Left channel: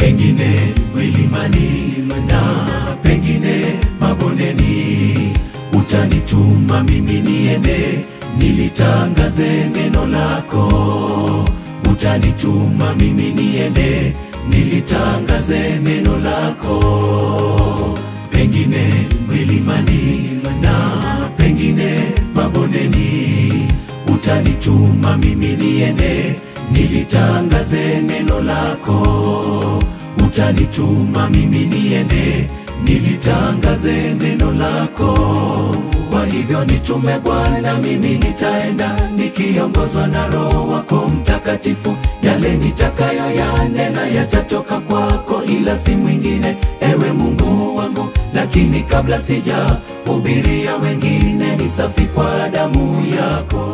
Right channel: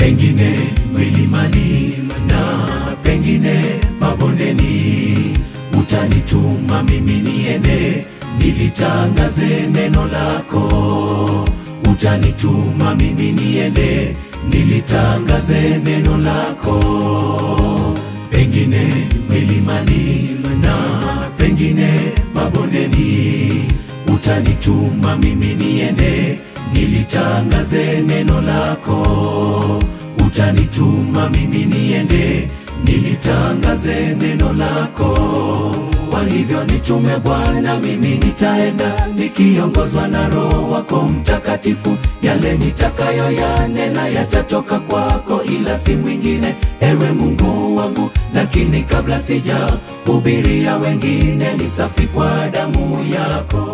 pengine milimani na pengine mabondeni. Utanituma mimi niende nilitangaze neno lako. Utanituma mimi niende nilitangaze neno lako. Pengine milimani na pengine mabondeni. Utanituma mimi niende nilitangaze neno lako. Utanituma mimi niende nilitangaze neno lako. Kwa hivyo nitume Bwana, mimi nitaenda nikiongozwa na Roho wako Mtakatifu. Yale nitakayo yanena yatatoka kwako, ila si mwingine, ewe Mungu wangu. Lakini kabla sijahubiria wengine, ni safi kwa damu yako.